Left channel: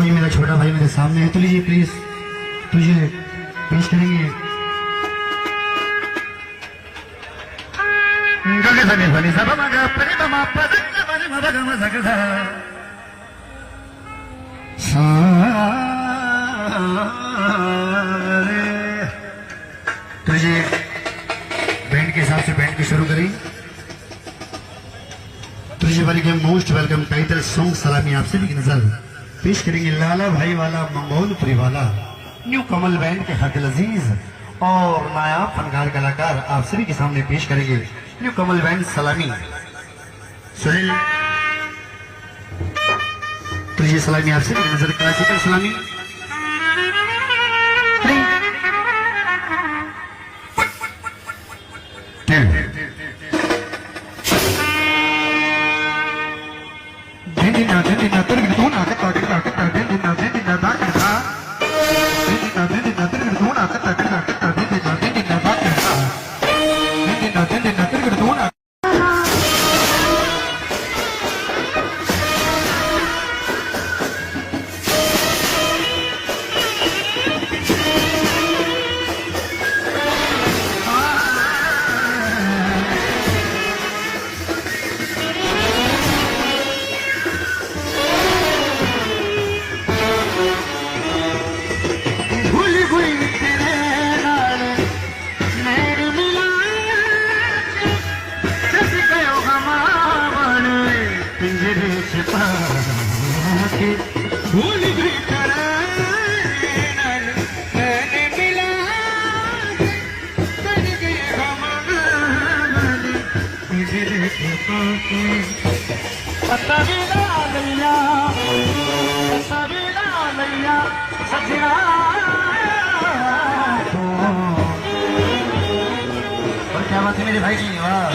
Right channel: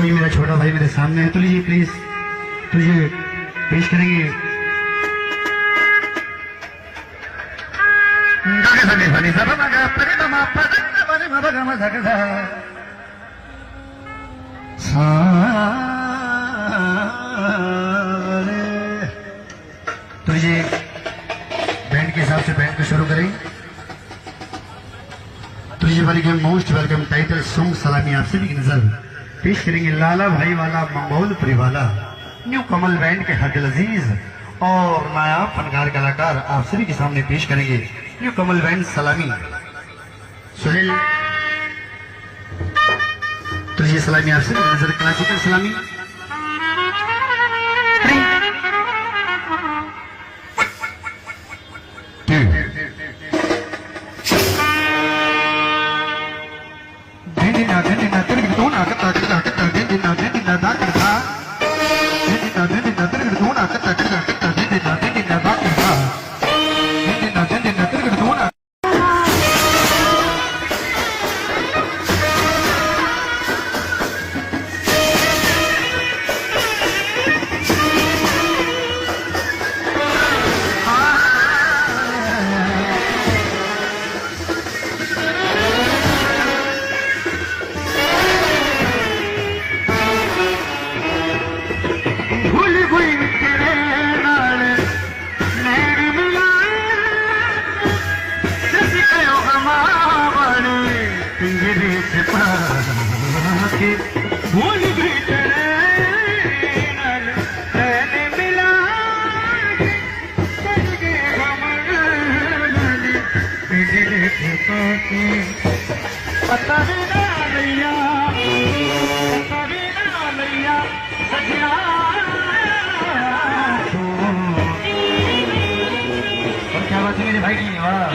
वही मेरा छोटा भाई मेरे सामने है, तो लीजिए प्लीज तुझे पेश करेंगे। तो ये बैंड के हिसाब से बैंड को शुरू करें। तो ये welcome, most welcome title song सलामी आपसे भी नजर पेश करेंगे। लाला भाई वाला मंगोलपुरी वाला न्यू कमल बैंड के हक लजीज और नायाब फनकार कलाकार आप सभी के सामने पेश करेंगे न्यू कमल बैंड सलामी। सुनील, तो ये सलामी आपसे भी नजर, क्लासिकल सलामी। क्या बात है मेरे भाई की, वाह।